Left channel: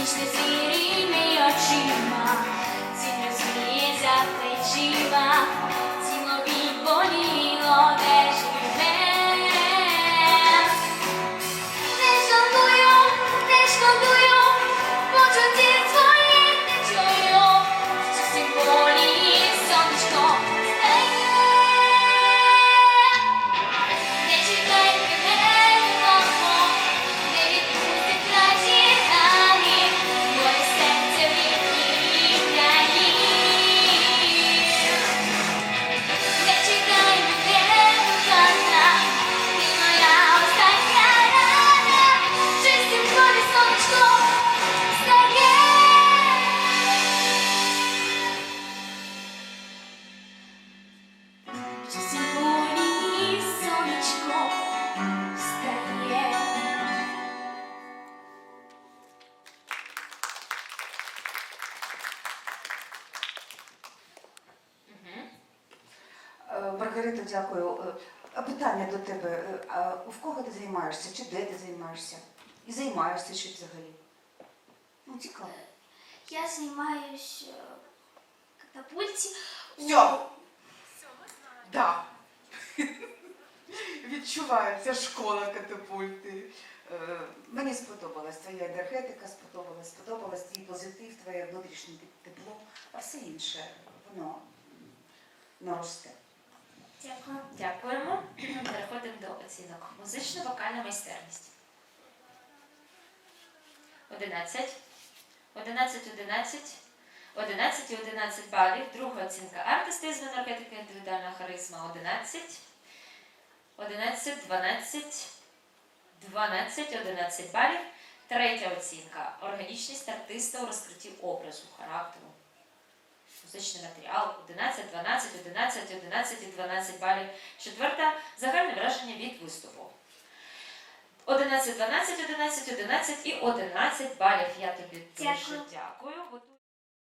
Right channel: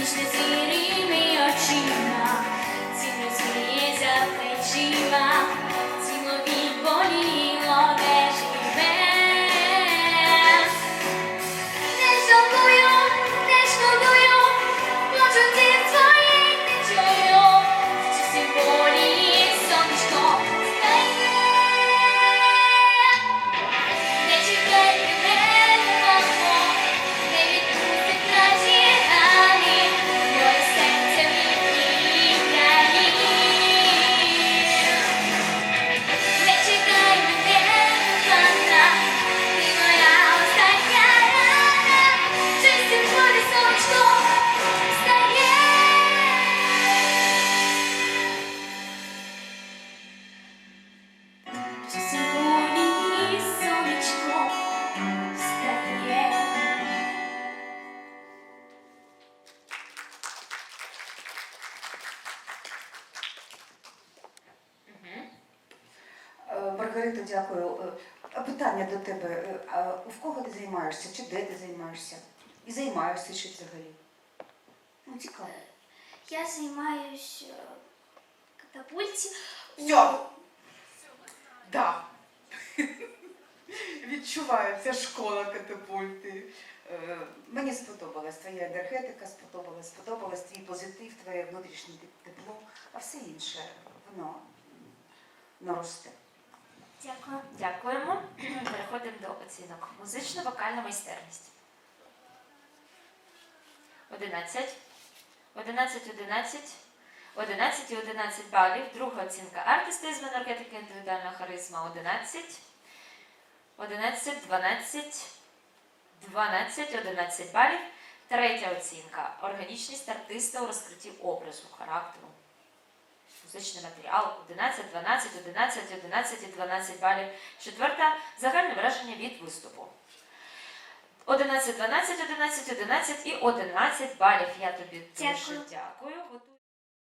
Між твоїми очима, ці за плечима. Маргарита, дякую. Е, Питання до тебе. Е, А в кого ти займаєшся? Чи де ти займаєшся? І займаєшся ще взагалі? Ну, цікаво. Я займаюсь е, катапульті. у- Да. Відчуваю, це школа катапульти. Мені сподобалась твоя енергетика, сподобалась, сподобалась твій позитив, твоє внутрішнє тепло, а все інше воно наросте. Дякую. Дякуємо. Переходимо до оцінок. Музично-вокальна майстерність. 11. 11, 11. 11 і 11 балів. Друга оцінка артистизм, енергетика, індивідуальна харизма 11. 11, 12, 12, 11 балів. Третя оцінка органічність артиста у розкритті образу, характеру. Музичний матеріал 11, 12, 11, 11 і 12 балів. Четверта загальне враження від виступу. 11, 12, 11, 11 і 11 балів. Я тобі дуже Дякую.